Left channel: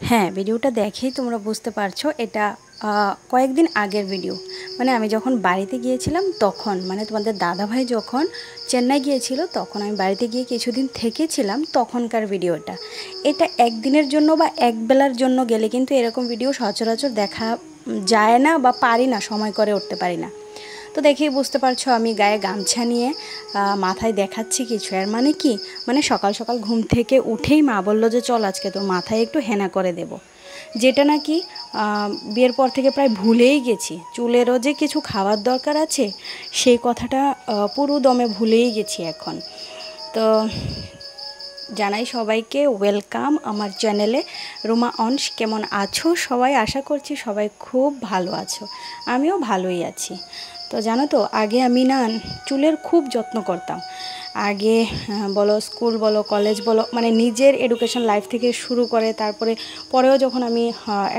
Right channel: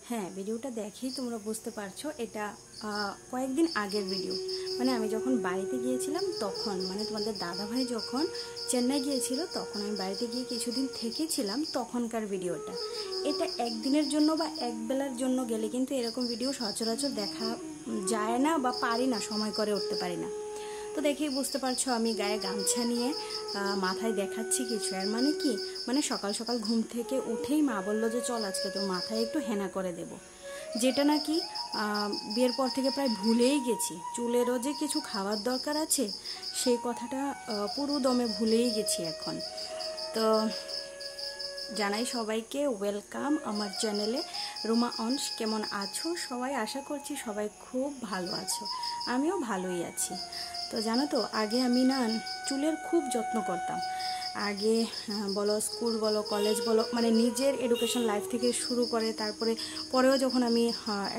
হ্যাঁ, ভিডিওটা দেখেই তোমরা বুঝতে পারছো এটা কয়েকদিন আগের ভিডিও। মানে আমি যখন বাড়িতে গিয়েছিলাম তখন, মানে তোমাদের দাদাভাই যখন চেন্নাই গিয়েছিল তখন আমি বাড়িতে গিয়ে কিছুদিন থেকেছিলাম, তখনকার ভিডিওটা। এটা একদিনের জন্য বা একবেলার জন্য গেলে কিন্তু এরকম ভিডিও সচরাচর দেখা যায় না বা পারি না, সময় করে উঠতে পারি না। তো দেখেই বুঝতে পারছো আমি গায়ে গামছা নিয়ে মাথায় দেখাচ্ছি কিছু। এর মানে কি, মানে সকাল সকাল ঘুম থেকে উঠেই মা বললো যে চল আজকে তোর মাথায় একটু হেনা করে দেব, যেটা নাকি বিয়ের পর থেকে প্রায় ভুলেই গেছি। চুলেরও যে কিছু খাওয়ার দরকার আছে সেই কথাটা পুরো দমে ভুলেই গেছি এখন। তো জানাই সবাইকে ওয়েলকাম আমার চ্যানেলে। রুমা অনস, কেমন আছো সবাই? আশা করছি সবাই খুব ভালো আছো, আমিও ভালোই আছি। তো জানো তো, আগে আমি না চুলের খুব যত্ন করতাম। আগে বলো স্কুল বলো কলেজ বলো, মানে নিজের এডুকেশন লাইফ থেকে শুরু করে তারপরে পরেও যখন আমি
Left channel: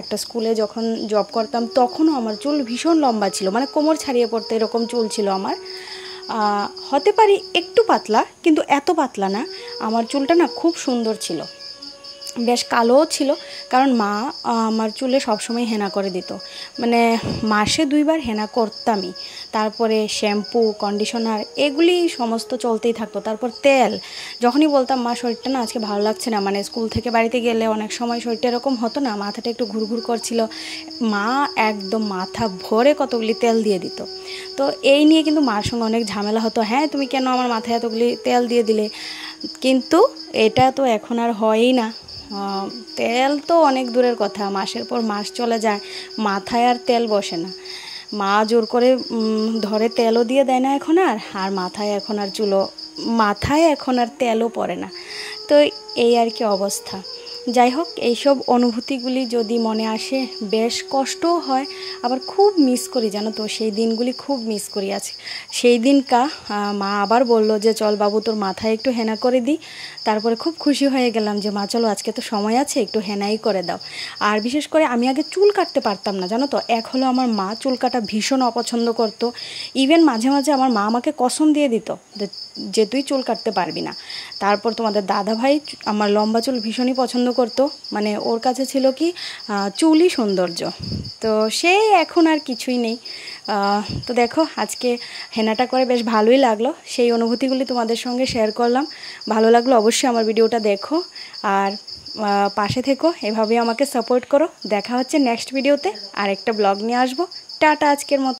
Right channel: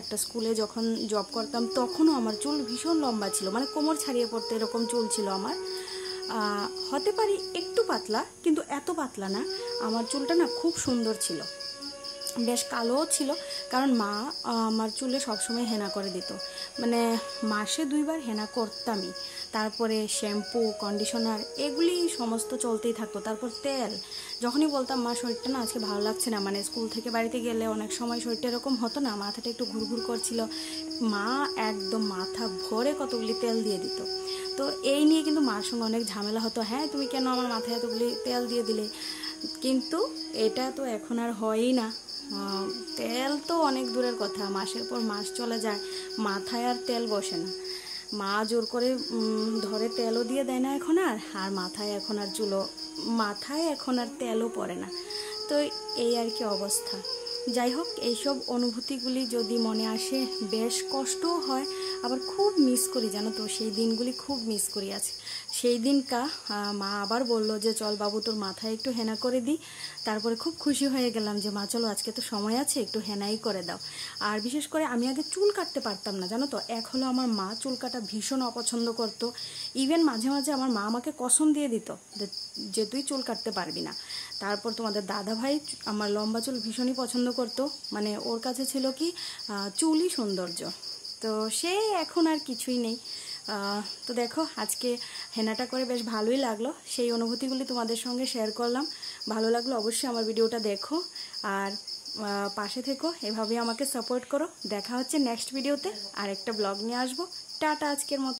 একটা স্কুলে যখন জব করতাম তখনও আমার চুল ভীষণ লম্বা ছিল, মানে কোমর ছাড়িয়ে পড়তে এরকম চুল ছিল আমার। হতে পারি একটু পাতলা, কিন্তু এত পাতলা না। আমার চুলটা না খুব সুন্দর ছিল, বেশ কালোও ছিল। কারণ মা আমার চুলে সবসময় হেনা করে দিত, মানে মাসে 2বার হেনা করতামই। তারপরে শ্যাম্পু কন্ডিশনার এগুলি সমস্ত চলতেই থাকতো। তারপর তেল, যখনই বলতাম মা শরীরটা না আজকে ভালো লাগছে না, মানে স্কুল থেকে বাড়িতে গেলে অনেক সময় শরীরটা এরকম হতো না, মাথাটা একটু ঘুরঘুর করছিল, মা একদম মাথা ভরে কতগুলি তেল দিয়ে দিত। তো এই নিয়ে কিন্তু মার সঙ্গে অনেক ঝামেলা হতো, হ্যাঁ তুমি কেন আমার মাথায় এতগুলি তেল দিয়ে দিলে। কিন্তু এটা তো এখন আর হয়ই না। তেল তো অনেক দূরের কথা, মাসের পর মাস চলে যায়, মাথায় আর তেল বসে না। মা জোর করে ধরে তেলও দিয়ে দেয় না এখন আর, আর মাথায় এখন আর মাথায় এখন আর তেলও পড়ে না। তো এই আর কি অবস্থা। যাই হোক, এইসব অনুভূতিগুলি যদি মনে আসে বেশ কষ্টও হয়, আবার খুব মিস করি, জানো তো সেই দিনগুলি খুব মিস করি। আছে সেই দিনকা মা আবার বলল যে চল বাবু তোর মাথায় একটু হেনা করে দিই। তারপরে খুব খুশি হয়ে গেলাম যে মা চলো আজকে তো সময় আছে, একটু হেনাই করে দাও। আর বিশেষ করে আমি আগে চুল কাটতে পারতাম না, জানো তো। এক হলো আমার মা চুল কাটা ভীষণ অপছন্দ করতো। ইভেন মাঝে মাঝে আমার মা আমাকে কসম দিয়ে দিত যে তুই চুল কাটতে পারবি না। তারপর তোমাদের দাদা ভাই আমার লম্বা চুল ভীষণই পছন্দ করতো, মানে ওর কাছে ছিল কি চুলই সৌন্দর্য। তো সেই এখন আর কিছুই নেই। তো দেখো আজকে হেনাটা করে বেশ ভালোই লাগলো, সেই অনুভূতিগুলি তোমাদের সঙ্গে শেয়ার করলাম। ভালো লাগলো অবশ্যই আমার ভিডিওটা দেখো, আর পাশে থেকো, এভাবে আমাকে সাপোর্ট করো। দেখা হচ্ছে নেক্সট ভিডিওতে, আর একটা ব্লগ নিয়ে আসবো। টাটা আজকের মতো।